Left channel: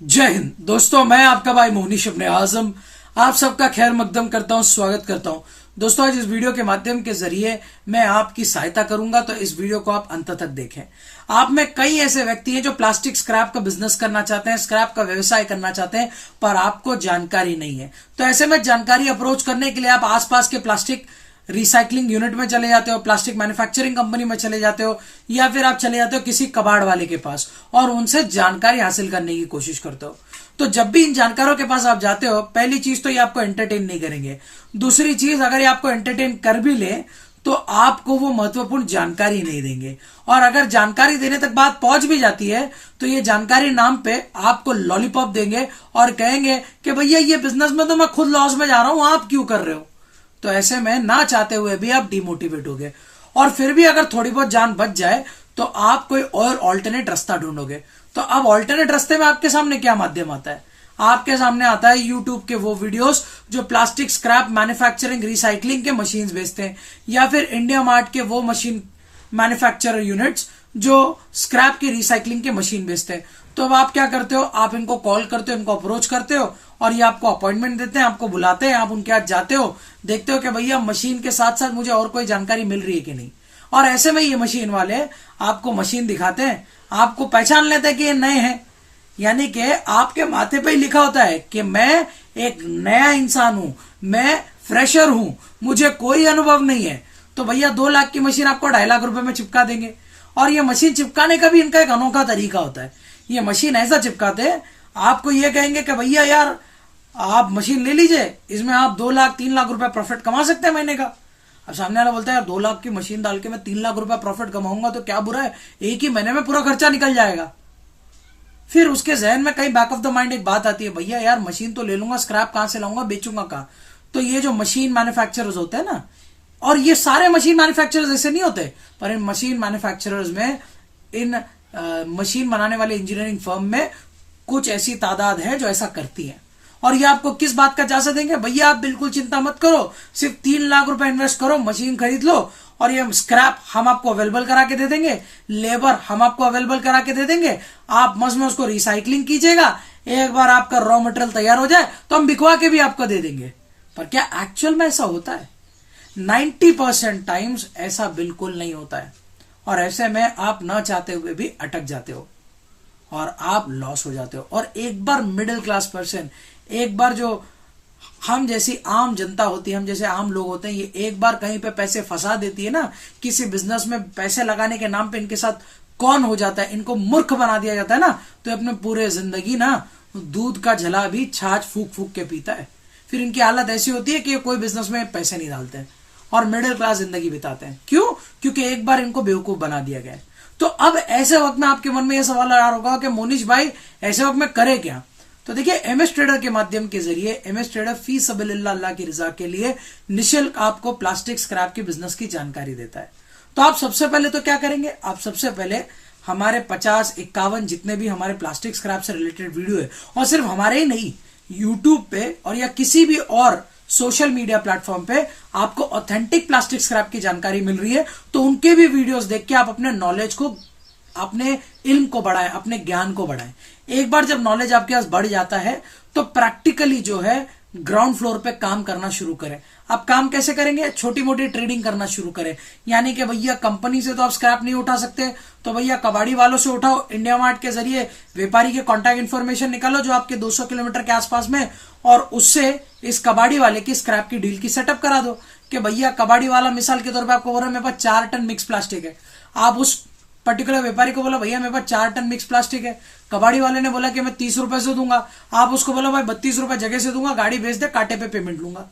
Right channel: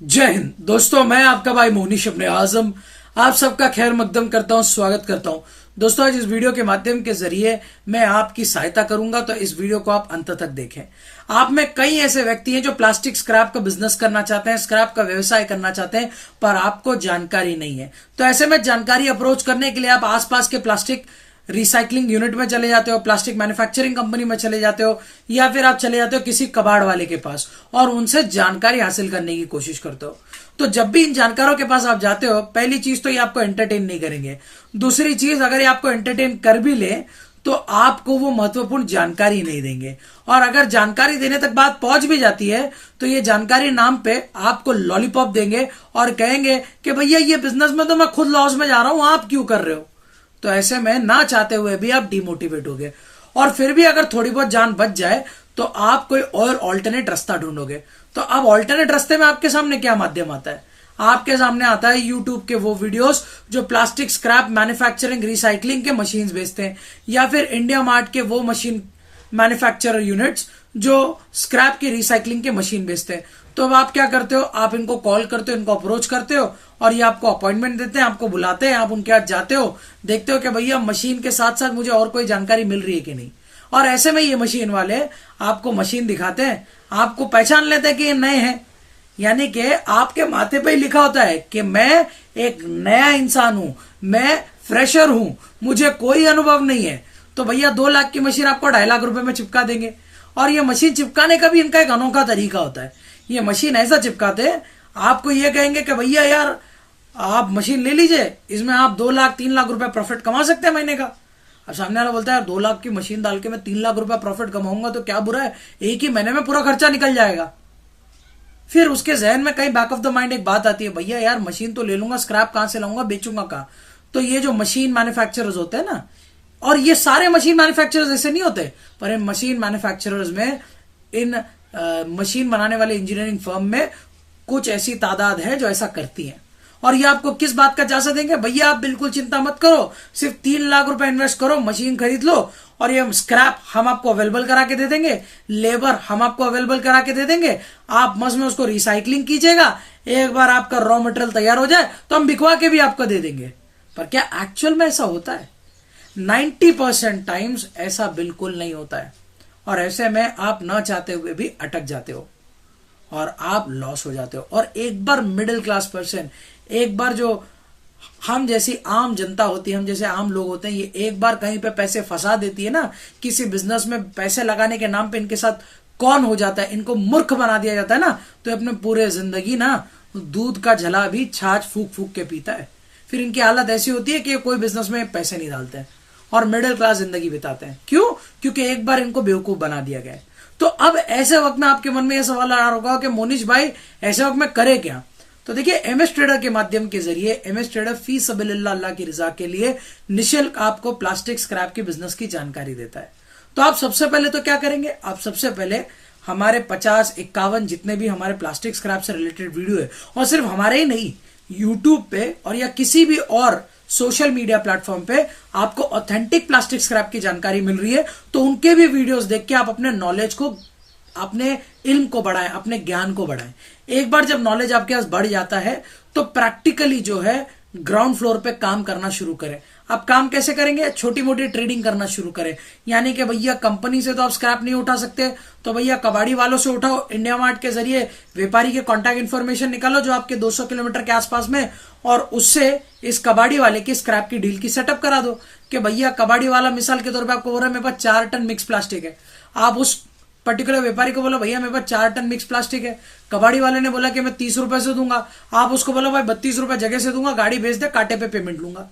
जय हिंद दोस्तों, मैं आपका भाई मोहनीश अपने आजम आप सबका खैर मकदम करता हूं, स्वागत करता हूं। दोस्तों, आज इस वीडियो के माध्यम के जरिए मैं आपकी सहायता करूंगा, तो इस वीडियो को आप अंत तक देखें। आप में कई ऐसे व्यक्ति हैं जो प्लास्टिक स्क्रैप का बिजनेस करना चाहते हैं, स्क्रैप का व्यवसाय करना चाहते हैं, पर आपको जानकारी नहीं है। तो ऐसे में जानकारी अप्रोच करने के लिए आप आसपास के प्लास्टिक रिसाइकलिंग यूनिट में चले जाते हो, प्लास्टिक मैन्युफैक्चरिंग कंपनी में चले जाते हो, या फिर आप चले जाते हो किसी कबाड़ वाले के पास और उनसे जानकारी हासिल करने की कोशिश करते हो। तो जब भी इन जानकारों के पास आप जाते हो, पहली चीज तो ये आपको एंटरटेन नहीं करेंगे। दूसरी चीज, अगर ये आपको एंटरटेन कर भी ले तो आपको वो महत्वपूर्ण जानकारी नहीं देंगे, और अगर जानकारी देने तक बात पहुंच भी जाती है तो ये जानकारी नाम पे आपको लॉलीपॉप देंगे और कहेंगे कि भैया ये बिजनेस में तो मैं खुद लॉस में जा रहा हूं, आप क्यों कर रहे हो। तो ऐसे में ना चाहते हुए भी आप डिमोटिवेट हो गए, और फिर भी अगर थोड़ी बहुत जान बच जाए तो आप कोई और ऑल्टरनेट रास्ता ढूंढोगे। तो अब ऑल्टरनेट रास्ते में आपके सामने क्या माध्यम आता है? आपके सामने आता है यूट्यूब के वो वीडियोस जो प्लास्टिक स्क्रैप मैन्युफैक्चरिंग रिसाइकलिंग के मशीन्स बेचते हैं, या फिर इंडिया मार्ट के वो मशीन मैन्युफैक्चरर यूनिट्स जो स्क्रैप की रिसाइकलिंग की मशीन बेचते हैं। तो अब आप क्या करते हो, आप इनको कॉल करते हो, इनको अप्रोच करते हो, और ये आपको अपॉइंटमेंट देते हैं, आपको बुलाते हैं, आप उनके साथ जाते हो, देखते हो कि भैया मशीन के साथ साथ मुझे और कोई जानकारी मिल रही है कि नहीं। और ऐसे में ये मशीन वाले आपको मशीन दिखाते हैं, आपको पहचान लेते हैं कि ये नए हैं, यानी कि आपके माथे पे ही लिखा होता है कि मैं एक नया इंसान हूं, मैं फ्रेशर हूं, मुझे कोई अनुभव नहीं है। तो भैया 2 लाख की मशीन आपको 2.5 लाख रुपए में चिपका देंगे। और ये मशीन चिपकाने का भी इनका एक अनोखा तरीका होता है। ये मशीन ऐसा चिपकाते हैं, आपको ये कहेंगे कि भैया यार आप मशीन ले लीजिए, इसमें आप 2 लाख 3 लाख रुपए प्रॉफिट कमा सकते हैं महीने का। अब सामने वाला बोलता है यार 2 लाख की मशीन डाल के मैं 3 लाख रुपए प्रॉफिट कमाऊंगा तो क्या बुरा है, एक ही महीने में पूरा खर्चा निकल जाएगा। फिर उसके जहन में कहीं बैक ऑफ द माइंड एक बात आती है, भैया यार मशीन तो ले लूंगा, स्क्रैप कहां से लाऊंगा, बेचूंगा कहां। तो ये जो मशीन मैन्युफैक्चरर्स होते हैं ना, और ये सारे मशीन मैन्युफैक्चरर्स ऐसे नहीं होते, पर इन मशीन मैन्युफैक्चरर्स में, इन मशीन बनाने वाले इंजीनियरिंग फर्म में कुछ ऐसी तादाद है जो ऐसा करती है। और ये आपको किस बात का जायजा देंगे, भैया आप बिल्कुल चिंता मत करो, सिर्फ 3 लाख रुपए इन्वेस्ट करो, मशीन खरीद लो, और ये स्क्रैप हम आपको अवेलेबल करा के दे देंगे, लेबर हम आपको अवेलेबल करा के दे देंगे, आप मस्त में उसको रिसाइकलिंग कीजिएगा, एक बार आपका रॉ मटेरियल तैयार हो जाए तो हम बिकवा के भी आपको दे देंगे। पर क्या एक्चुअल में ऐसा होता है? 90% टाइम्स ऐसा बिल्कुल नहीं होता है, और ऐसे में आप न चाहते हुए भी अटक जाते हो और आप लॉस हो जाते हो। और एक बार मिडिल क्लास पर्सन, एक बार जो हम जैसी आम जनता होती है, हम जैसे आम लोग होते हैं, ये एक बार कहीं पे पैसे फंसा देती है ना, किसी बिजनेस में पैसे लगाने के नाम पे इनके साथ कौन हो जाता है, इनको मूर्ख बना दिया जाता है ना, तो अपने पूरे जिंदगी ना दूध का झला भी छाछ फूक फूक के पीता है। फिर इनकी हालत ऐसी होती है कि कोई बिजनेस में पैसे नहीं डालते हैं और मिडिल क्लास जिंदगी बिताते हैं। क्यों? क्योंकि एक बार इनको बेवकूफ बना दिया गया है। तो अब ऐसे वक्त में आपके मन में यह सवाल आ रहा होगा कि मोनीश भाई ऐसे वक्त में करे क्या? तो देखिए, एमएस ट्रेडर के माध्यम के जरिए एमएस ट्रेडर फी सबीलिल्लाह अल्लाह की रजा के लिए निःशुल्क आपको प्लास्टिक स्क्रैप की बिजनेस की जानकारी देता है। तो आप सबसे पहले तो क्या करेंगे, आप सबसे पहले हमारे 50-51 जितने भी हमारे प्लास्टिक स्क्रैप से रिलेटेड वीडियो है, और सिर्फ हमारे ही नहीं, यूट्यूब पे और या किसी भी और सोशल मीडिया प्लेटफॉर्म पे आपको ऑथेंटिक प्लास्टिक स्क्रैप की जानकारी मिल रही है, तो उनके भी वीडियोस देख के आप अपने नॉलेज को, अपने इल्म को बढ़ाएं, अपने ज्ञान को बढ़ाएं। एक बार जब नॉलेज आपके पास बढ़ जाता है तो प्रैक्टिकली जो है ग्राउंड फ्लोर पे काम करना शुरू करें। आप काम कैसे करेंगे? छोटी मोटी ट्रेडिंग करना शुरू करें। यानी कि भैया कंपनी से तो आप स्क्रैप नहीं उठा सकते, तो भैया कबाड़ी वालों से उठाओ, इंडिया मार्ट के जरिए व्यापारी के कॉन्टैक्ट इन्फॉर्मेशन निकालो जो आपके 200 किलोमीटर के आसपास में, और उससे इस कबाड़ी वाले की स्क्रैप की डील की सेटअप करा दो कि भैया कबाड़ी वाला मिसाल के तौर पर आपको बोल रहा है मेरे पास 4 टन मिक्स प्लास्टिक है। आप उस पर्टिकुलर व्यापारी को बोला भैया मेरे पास 4 टन मिक्स प्लास्टिक है, कबाड़ी वाले ने बोला कि मैं 30 रुपए से दूंगा, आप उसको बोलो भाई 32 रुपए जगह से दूंगा, गाड़ी भेज दे, कांटे पे पेमेंट लूंगा।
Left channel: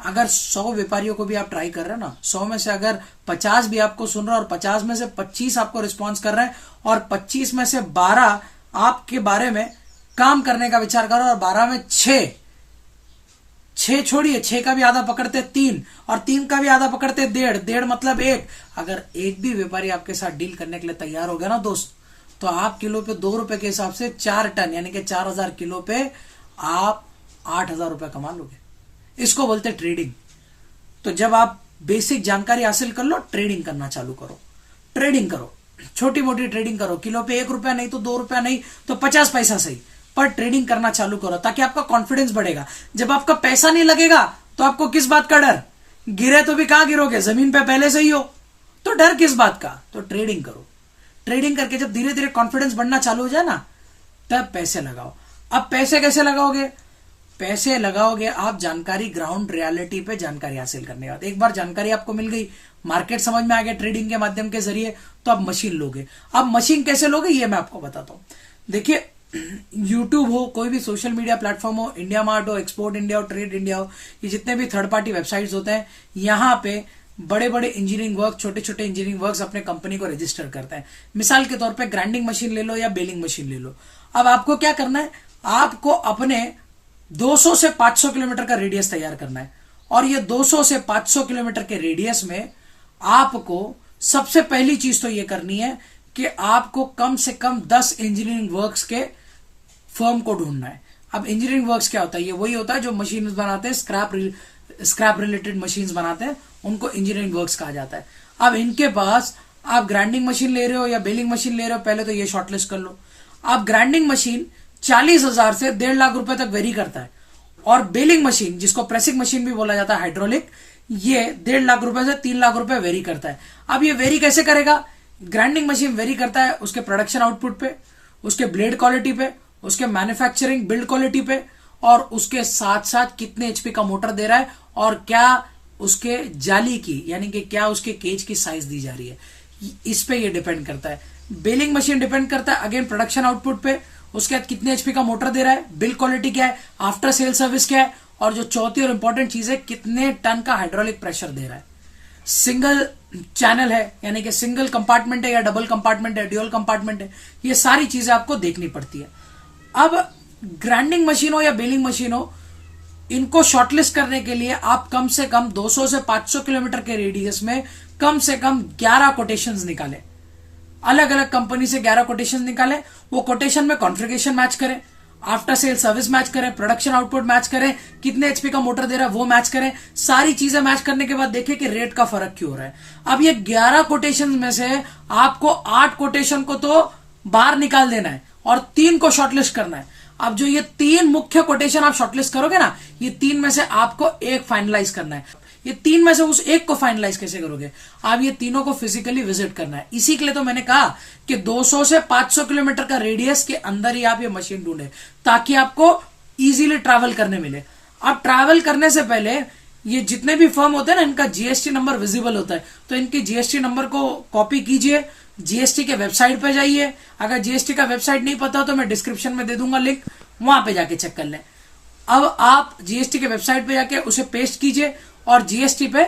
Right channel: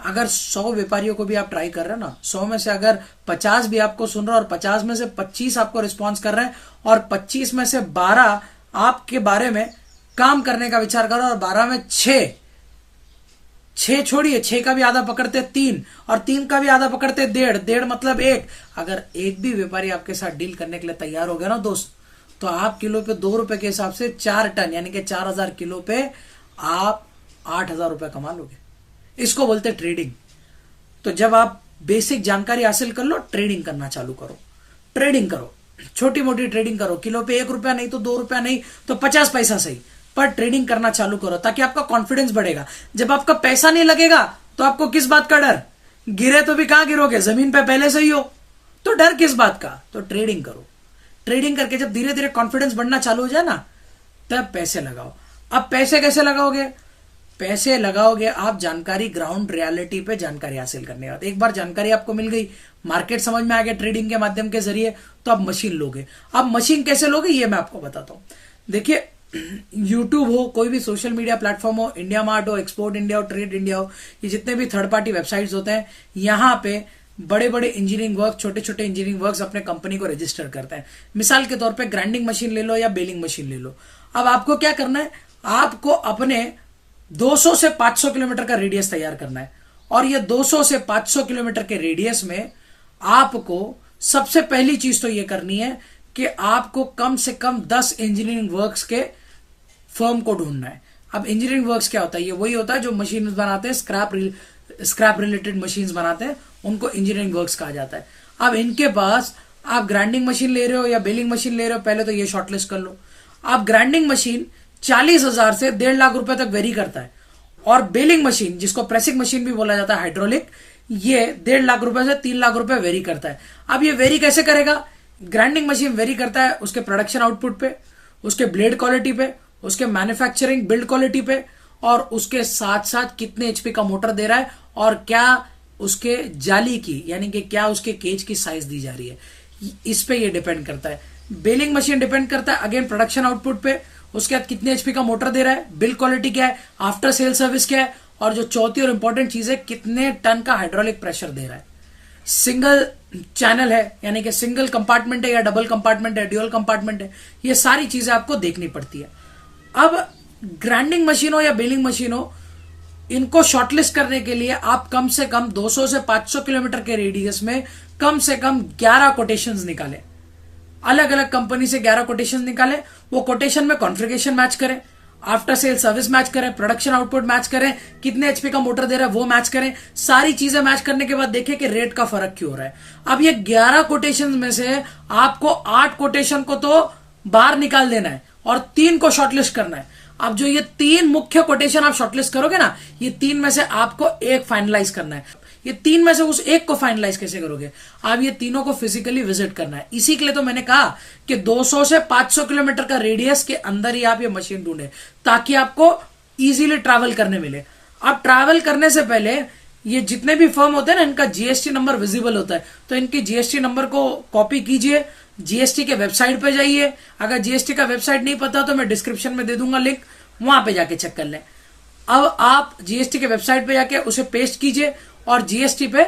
अगर 100 व्यापारियों को भी आप ट्राई कर रहे हैं ना, 100 में से अगर 50 भी आपको सुन रहे हैं और 50 में से 25 आपको रिस्पॉन्स कर रहे हैं, और 25 में से 12 आपके बारे में काम करने का विचार कर रहे हैं, और 12 में 6 छोड़िए, 6 का भी आधा पकड़ते 3, और 3 का भी आधा पकड़ते 1.5 मतलब 1। अगर एक भी व्यापारी आपके साथ डील करने के लिए तैयार हो गया ना दोस्त, तो आप किलो पे 2 रुपए के हिसाब से 4 टन यानी कि 4000 किलो पे आप 8000 रुपए कमा लोगे। इसको बोलते ट्रेडिंग। तो जब आप बेसिक जानकारी हासिल कर लो, ट्रेडिंग करना चालू करो, ट्रेडिंग करो, छोटी मोटी ट्रेडिंग करो, किलो पे 1 रुपया नहीं तो 2 रुपया नहीं तो 50 पैसा सही, पर ट्रेडिंग करना चालू करो, ताकि आपका कॉन्फिडेंस बढ़ेगा। जब आपका पैसा नहीं लगेगा तो आपको किस बात का डर? गिरे तो भी कहां गिरोगे, जमीन पे पहले से ही हो, तो डर किस बात का? तो ट्रेडिंग करो। ट्रेडिंग करके जब धीरे धीरे कॉन्फिडेंस बढ़ना चालू हो जाए ना, तब पैसे लगाओ। अब पैसे कैसे लगाओगे? पैसे लगाओगे आप जानकारी, ग्राउंड रियलिटी पे जानकारी हासिल करने के बाद। एक बार जानकारी आपको मिल गई, मार्केट समझ में आ गया ट्रेडिंग के माध्यम के जरिए, तो आप मशीन लोगे। अब मशीन कैसे लोगे ये मैं आपको बताता हूं। देखिए, यूट्यूब हो, कोई भी सोशल मीडिया प्लेटफॉर्म हो, इंडिया मार्ट हो, एक्सपोर्ट इंडिया हो, ट्रेड इंडिया हो, ये जितने भी थर्ड पार्टी वेबसाइट्स होते हैं, यहां पे बड़े बड़े इंजीनियरिंग वर्क, छोटे छोटे इंजीनियरिंग वर्क्स अपने कंपनी को रजिस्टर करते हैं। मिसाल के तौर पे ग्राइंडिंग मशीन ले लो या बेलिंग मशीन ले लो। अब आपको क्या करना है? आपको अपने 200 से 500 किलोमीटर का रेडियस तैयार करना है, और ये 200 से 500 किलोमीटर के रेडियस में आपको सबसे पहली चीज तो ये करनी है कि आपको कम से कम 10 इंजीनियरिंग वर्क्स के फर्म को ढूंढना है। अब इंजीनियरिंग वर्क्स क्या होता है? ये वही होता है जो मशीन बनाते हैं, स्क्रैप रिलेटेड मशीन बनाते हैं, उनको इंजीनियरिंग वर्क्स कहा जाता है। अब इनके पास आप ग्राइंडिंग मशीन ले रहे हो या बेलिंग मशीन ले रहे हो, पहले तो ये शॉर्टलिस्ट कर लो। आप ग्राइंडिंग मशीन 40,000 से 1.5 लाख रुपए तक वेरी करता है, और बेलिंग मशीन, जिसको प्रेसिंग मशीन भी बोला जाता है, हाइड्रोलिक, ये 1.5 लाख रुपए से 3 लाख रुपए वेरी करता है। अब ये वेरी कैसे करेगा? ग्राइंडिंग मशीन वेरी करता है उसके प्रोडक्शन आउटपुट पे, उसके ब्लेड क्वालिटी पे, उसके मैन्युफैक्चरिंग बिल्ड क्वालिटी पे, और उसके साथ साथ कितने एचपी का मोटर दे रहा है, और क्या उसके जाली की, यानी कि क्या उसके केज की साइज दी जा रही है, इस पे ये डिपेंड करता है। बेलिंग मशीन डिपेंड करता है अगेन प्रोडक्शन आउटपुट पे, उसके बाद कितने एचपी का मोटर दे रहा है, बिल्ड क्वालिटी क्या है, आफ्टर सेल सर्विस क्या है, और जो चौथी और इंपॉर्टेंट चीज है, कितने टन का हाइड्रोलिक प्रेशर दे रहा है। सिंगल चैनल है, यानी कि सिंगल कंपार्टमेंट है या डबल कंपार्टमेंट है, ड्यूअल कंपार्टमेंट है, ये सारी चीजें आपको देखनी पड़ती है। अब ग्राइंडिंग मशीन हो या बेलिंग मशीन हो, इनको शॉर्टलिस्ट करने के लिए आप कम से कम 200 से 500 किलोमीटर के रेडियस में कम से कम 11 कोटेशंस निकालें। अलग अलग कंपनी से 11 कोटेशन निकालें। वो कोटेशन में कॉन्फ़िगरेशन मैच करें, आफ्टर सेल सर्विस मैच करें, प्रोडक्शन आउटपुट मैच करें, कितने एचपी का मोटर दे रहा है वो मैच करें। सारी चीजें मैच करने के बाद देखें कि रेट का फर्क क्यों हो रहा है। अब ये 11 कोटेशन में से आपको 8 कोटेशन को तो बाहर निकाल देना है और 3 को शॉर्टलिस्ट करना है। अब जो ये 3 मुख्य कोटेशन आप शॉर्टलिस्ट करोगे ना, ये 3 में से आपको एक फाइनलाइज करना है। ये 3 में से उस एक को फाइनलाइज कैसे करोगे? आप ये तीनों को फिजिकली विजिट करना है। इसी के लिए तो मैंने कहा कि 200 से 500 किलोमीटर का रेडियस के अंदर ही आप ये मशीन ढूंढे, ताकि आपको इजीली ट्रैवल करने मिले। अब ट्रैवल करने से पहले ये जितने भी फर्म होते हैं ना, इनका जीएसटी नंबर विजिबल होता है, तो इनके जीएसटी नंबर को कॉपी कीजिए, जीएसटी के वेबसाइट पे जाइए। अगर जीएसटी का वेबसाइट नहीं पता तो मैं डिस्क्रिप्शन में दे दूंगा लिंक, वहां पे जाके चेक कर लें। अब आप जीएसटी के वेबसाइट पे जाके उसे पेस्ट कीजिए और जीएसटी पे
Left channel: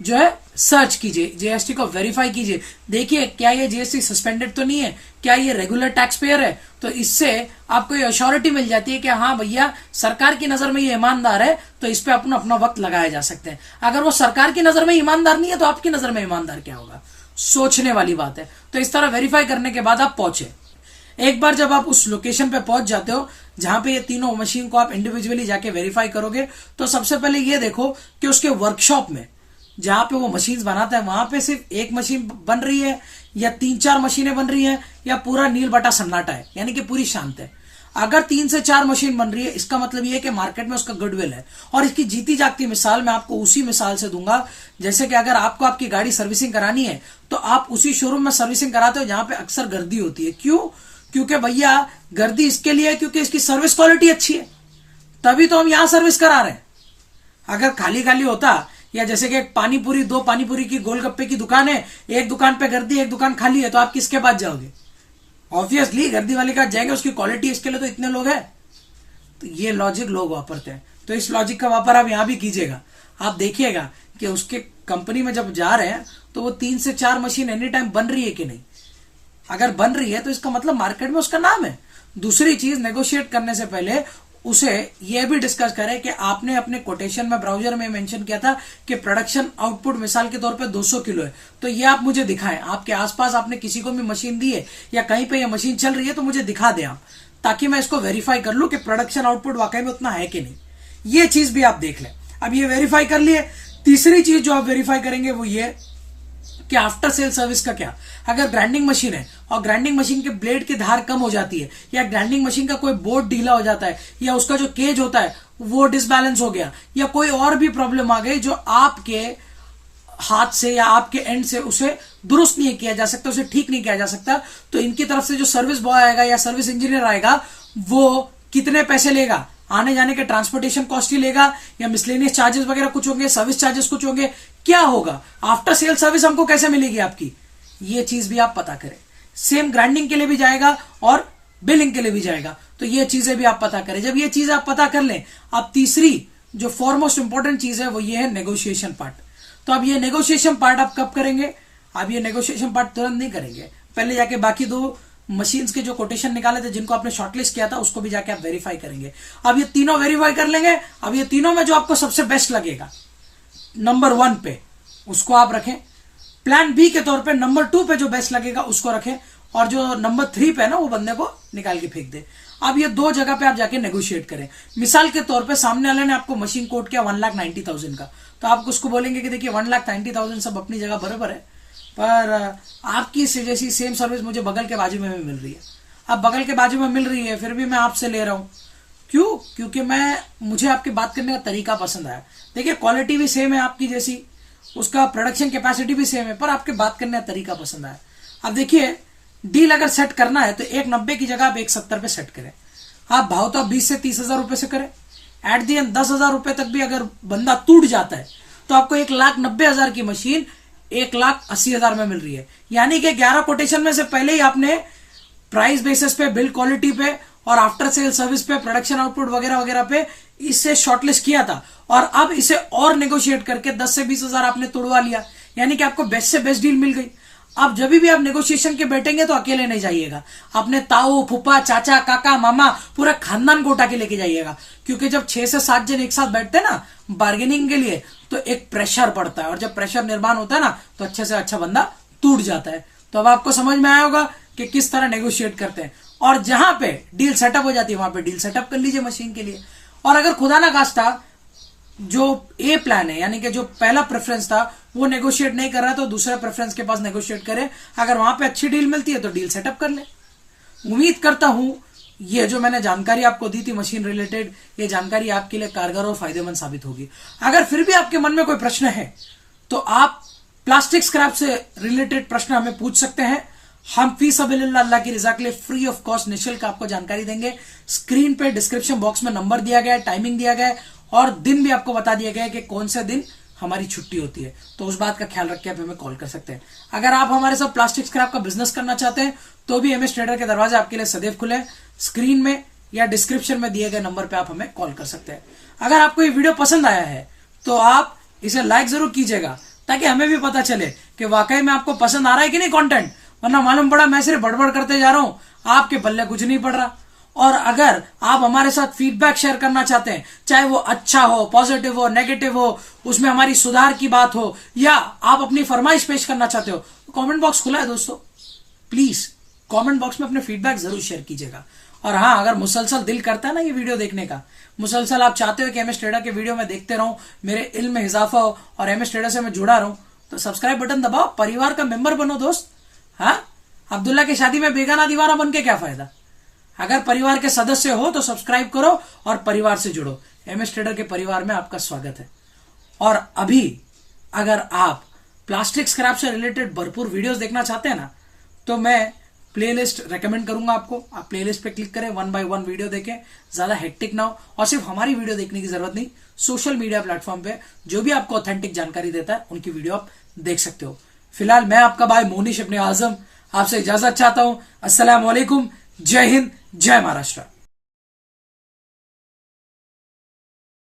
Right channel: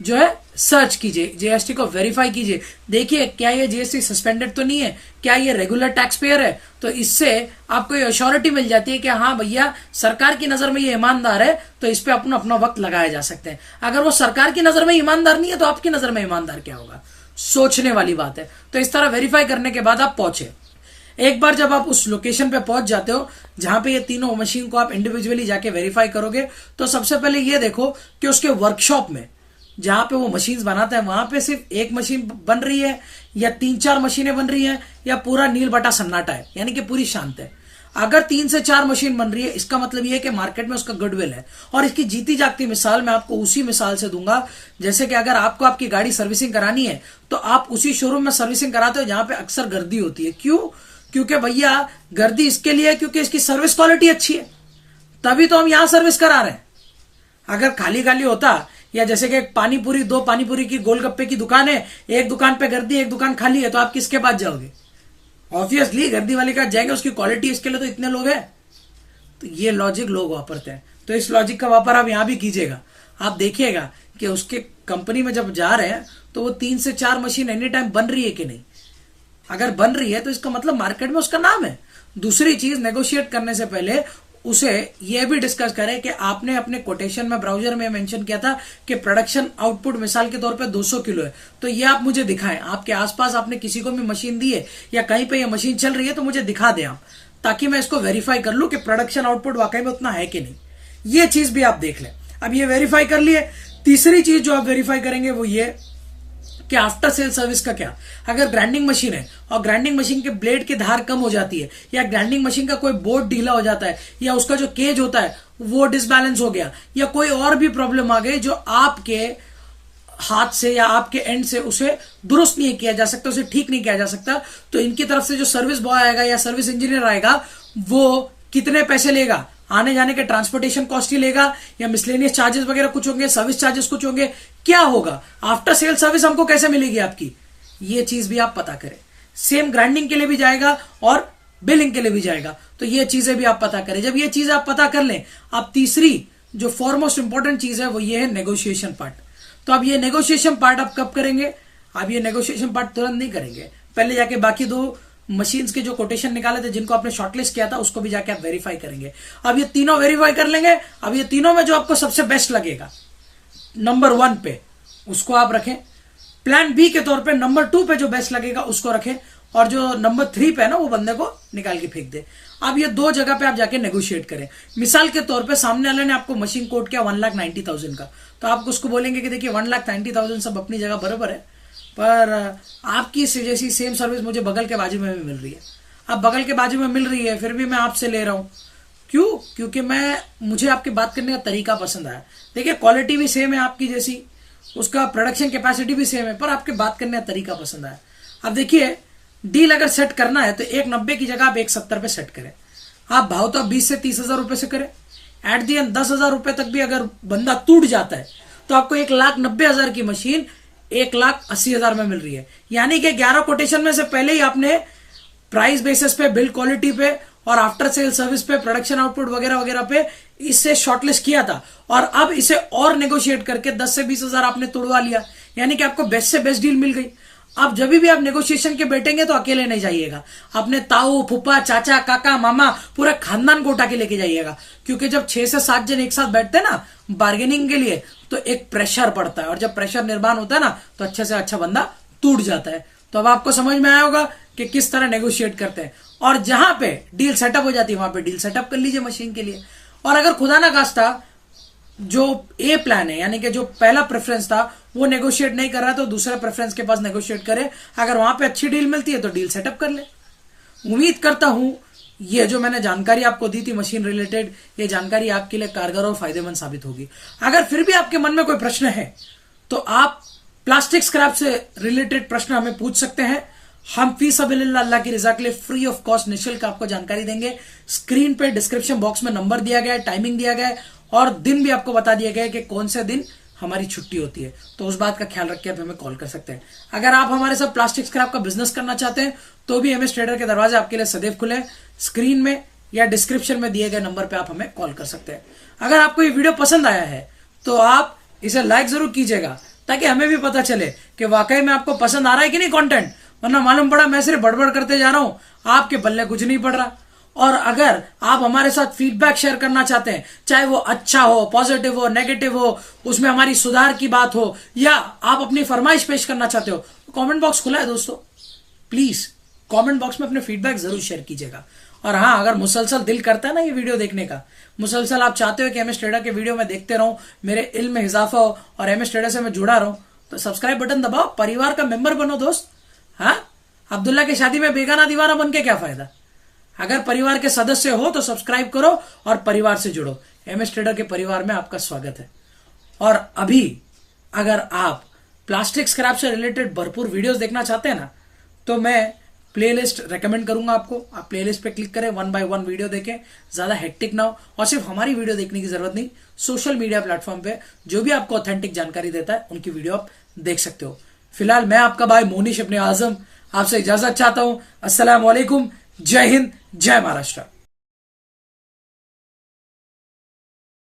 जो है सर्च कीजिए, जीएसटी को वेरीफाई कीजिए। देखिए क्या ये जीएसटी सस्पेंडेड तो नहीं है, क्या ये रेगुलर टैक्स पेयर है। तो इससे आपको ये अश्योरिटी मिल जाती है कि हाँ भैया, सरकार की नजर में ये ईमानदार है, तो इस पे अपना अपना वक्त लगाया जा सकते हैं। अगर वो सरकार की नजर में ईमानदार नहीं है तो आपकी नजर में ईमानदार क्या होगा? सोचने वाली बात है। तो इस तरह वेरीफाई करने के बाद आप पहुंचे। एक बार जब आप उस लोकेशन पे पहुंच जाते हो जहां पे ये तीनों मशीन को आप इंडिविजुअली जाके वेरीफाई करोगे, तो सबसे पहले ये देखो कि उसके वर्कशॉप में जहां पे वो मशीन बनाता है, वहां पे सिर्फ एक मशीन बन रही है या 3-4 मशीनें बन रही है, या पूरा नील बटा सन्नाटा है, यानी कि पूरी शांत है। अगर 3 से 4 मशीन बन रही है, इसका मतलब ये है कि मार्केट में उसका गुडविल है। और इसकी जीती जागती मिसाल मैं आपको उसी मिसाल से दूंगा, जैसे कि अगर आपको आपकी गाड़ी सर्विसिंग करानी है तो आप उसी शोरूम में सर्विसिंग कराते हो जहां पे अक्सर गर्दी होती है। क्यों? क्योंकि भैया गर्दी इसके लिए है क्योंकि इसकी सर्विस क्वालिटी अच्छी है, तभी तो हम यहां सर्विस करा रहे हैं। अगर खाली खाली होता, या जैसे कि पानीपुरी, 2 पानीपुरी की गोलगप्पे की दुकान है, एक दुकान पे गर्दी एक दुकान खाली है, तो आप किसके पास जाओगे? ऑब्वियसली गर्दी वाले के पास जाएंगे, उसकी क्वालिटी इसके लिए तो इतने लोग हैं। तो ये लॉजिक लोग वापरते हैं, तो इस लॉजिक का वापर आप यहां भी कीजिएगा। आप देखिएगा कि उसके कंपनी में जब जा रहे हैं तो वो 3 से 4 मशीन एनी टाइम बन रही है कि नहीं। अगर बन रही है तो इसका मतलब मार्केट में उसका नाम है। दूसरी चीज, नेगोशिएट करने से पहले उसे यह भी डिस्कस करें कि आपने अपने कोटेशन में, ब्राउजर में मेंशन किया था कि प्रोडक्शन आउटपुट मिसाल के तौर पे 200 किलो है, तो ये आप मुझे दिखाएं। आपके आसपास आपने किसी को भी मशीन दी है या कहीं पे ये मशीन चल रही है तो मुझे दिखा दें आप, ताकि मैं इसको वेरीफाई कर लूं कि प्रोडक्शन आउटपुट वाकई में उतना है कि नहीं। ये चीज भी आप देख लें। अब ये वेरीफाई कर लिए। तीसरी चीज जो आप वेरीफाई करेंगे वो ये कि आफ्टर सेल सर्विस का क्या। अगर ग्राइंडिंग मशीन है और ग्राइंडिंग मशीन के ब्लेड की धार कम हो जाती है, या ग्राइंडिंग मशीन का कोई बोर्ड ढीला हो जाता है, या उसका जो केज होता है वो डिसबैलेंस हो गया, या कोई और भी प्रॉब्लम आ गई जो आपके हाथ से या आपके एंड से उसे दुरुस्त नहीं किया जा सकता, उसे ठीक नहीं किया जा सकता, तो इनकी तरफ से जो सर्विस बॉय आएगा या सर्विस इंजीनियर आएगा वो कितने पैसे लेगा, आने जाने के ट्रांसपोर्टेशन कॉस्ट ही लेगा, या मिसलेनियस चार्जेस वगैरह कुछ होंगे, सर्विस चार्जेस कुछ होंगे, क्या होगा, आफ्टर सेल सर्विस हमको कैसे मिलेगी आपकी, ये चीज भी आप पता करें। सेम ग्राइंडिंग के लिए भी जाएगा और बिलिंग के लिए भी जाएगा, तो ये चीजें भी आप पता करें। जब ये चीज आप पता कर लें, अब तीसरी जो फॉरमोस्ट इंपॉर्टेंट चीज है वो ये है नेगोशिएशन पार्ट। तो अब ये नेगोशिएशन पार्ट आप कब करेंगे, अब ये नेगोशिएशन पार्ट तुरंत नहीं करेंगे, पहले जाके बाकी दो मशीन्स के जो कोटेशन निकाले थे जिनको आपने शॉर्टलिस्ट किया था उसको भी जाके आप वेरीफाई करेंगे। अब ये तीनों वेरीफाई कर लेंगे। अब ये तीनों में जो आपको सबसे बेस्ट लगेगा नंबर 1 पे उसको आप रखें, प्लान बी के तौर पे नंबर 2 पे जो बेस्ट लगेगा उसको रखें, और जो नंबर 3 पे है ना वो बंदे को निकाल के फेंक दे। अब ये दो जगह पे आप जाके नेगोशिएट करें। मिसाल के तौर पे सामने वाले ने आपको मशीन कोट किया 1,90,000 का, तो आप उसको बोलेंगे कि देखिए 1,90,000 सब अपनी जगह बराबर है, पर आपकी जैसी सेम सर्विस मुझे बगल के बाजू में भी मिल रही है। अब बगल के बाजू में मिल रही है फिर भी मैं आपसे ले रहा हूं, क्यों? क्योंकि मुझे आपकी बात करने का तरीका पसंद आया। देखिए क्वालिटी भी सेम है आपकी जैसी, उसका प्रोडक्शन कैपेसिटी भी सेम है, पर आपके बात करने का तरीका पसंद आया। अब देखिए डील अगर सेट करना है तो 1,90 की जगह आप 1,70 पे सेट करें। आप भाव तो आप 20 से 30,000 रुपए से करें। एट दी एंड 10,000 रुपए तक भी अगर बंदा टूट जाता है तो आपको 1,90,000 की मशीन 1,80,000 में मिल रही है। यानी कि 11 कोटेशन में से पहले ही आपने प्राइस बेसिस पे, बिल्ड क्वालिटी पे और आफ्टर सेल सर्विस पे, प्रोडक्शन आउटपुट वगैरह वगैरह पे इससे शॉर्टलिस्ट किया था, और अब इसे और नेगोशिएट करके 10 से 20,000 आपने तोड़वा लिया। यानी कि आपको बेस्ट से बेस्ट डील मिल गई। अब जब भी आप नेगोशिएशन के बैठेंगे तो अकेले नहीं जाइएगा, अपने ताऊ, फूफा, चाचा, काका, मामा, पूरा खानदान को उठा के लेके जाइएगा। क्योंकि जब 6 से 7 जन एक साथ बैठते हैं ना बार्गेनिंग के लिए तो एक प्रेशर पड़ता है, और जब प्रेशर निर्माण होता है ना तो अच्छे से अच्छा बंदा टूट जाता है। तो अब आपको समझ में आया होगा कि किस तरह नेगोशिएट करते हैं, और जहां पे डील सेटअप हो जाती है वहां पे डील सेटअप कर लीजिए मशीन के लिए। और अगर खुदा ना खास्ता जो ए प्लान है यानी कि जो पहला प्रेफरेंस था वो नेगोशिएट नहीं कर रहा तो दूसरे प्रेफरेंस के पास नेगोशिएट करे। अगर वहां पे अच्छी डील मिलती है तो डील सेटअप कर ले। उम्मीद करता हूं ये जो मैंने जानकारी आपको दी थी मशीन रिलेटेड, ये जानकारी आपके लिए कारगर और फायदेमंद साबित होगी। अगर फिर भी आपके मन में कोई प्रश्न है तो आप प्लास्टिक स्क्रैप से रिलेटेड प्रश्न हमें पूछ सकते हैं। हम फी सबिलिल्लाह अल्लाह की रिजा के लिए फ्री ऑफ कॉस्ट निःशुल्क आपको जानकारी देंगे। स्क्रीन पे डिस्क्रिप्शन बॉक्स में नंबर दिया गया है, टाइमिंग दिया गया है, और दिन भी आपको बता दिया गया है कि कौन से दिन हमारी छुट्टी होती है, तो उस बात का ख्याल रख के आप हमें कॉल कर सकते हैं। अगर आप हमारे साथ प्लास्टिक स्क्रैप का बिजनेस करना चाहते हैं तो भी MS ट्रेडर के दरवाजे आपके लिए सदैव खुले हैं। स्क्रीन में या डिस्क्रिप्शन में दिए गए नंबर पे आप हमें कॉल कर सकते हैं। अगर आपको ये वीडियो पसंद आया है तो आप इसे लाइक जरूर कीजिएगा ताकि हमें भी पता चले कि वाकई में आपको पसंद आ रहा है कि नहीं कंटेंट, वरना मालूम पड़ा मैं सिर्फ बड़बड़ करते जा रहा हूं, आपके पल्ले कुछ नहीं पड़ रहा। और अगर आप हमारे साथ फीडबैक शेयर करना चाहते हैं, चाहे वो अच्छा हो, पॉजिटिव हो, नेगेटिव हो, उसमें हमारी सुधार की बात हो, या आप अपनी फरमाइश पेश करना चाहते हो, तो कमेंट बॉक्स खुला है दोस्तों। प्लीज कमेंट बॉक्स में अपने फीडबैक जरूर शेयर कीजिएगा। और हाँ, अगर मुसलसल दिल करता है ना ये वीडियो देखने का, मुसलसल आप चाहते हो कि MS ट्रेडर के वीडियो में देखते रहूं, मेरे इल्म में इजाफा हो और MS ट्रेडर से मैं जुड़ा रहूं, तो सब्सक्राइब बटन दबाओ, परिवार का मेंबर बनो दोस्त। हाँ, अब्दुल्ला की शादी में बेगाना दीवाना बन के क्या फायदा। अगर परिवार के सदस्य हो तो सब्सक्राइब करो और परिवार से जुड़ो। MS ट्रेडर के परिवार में आपका स्वागत है। और अभी अगर आप प्लास्टिक स्क्रैप से रिलेटेड भरपूर वीडियोस देखना चाहते हैं ना, तो मैं प्लेलिस्ट रेकमेंड करूंगा आपको। आप प्लेलिस्ट पे क्लिक करें, 1 by 1 वीडियो देखें, ज्यादा हेक्टिक ना हो। और सिर्फ हमारी वीडियो देखने की जरूरत नहीं, सोशल मीडिया प्लेटफॉर्म पे जो भी आपको ऑथेंटिक जानकारी देता है उनकी वीडियो आप देख सकते हो। फिलहाल मैं आपका भाई मोनिश इब्ने आजम आपसे इजाजत चाहता हूं। अस्सलाम वालेकुम, जय हिंद, जय महाराष्ट्र।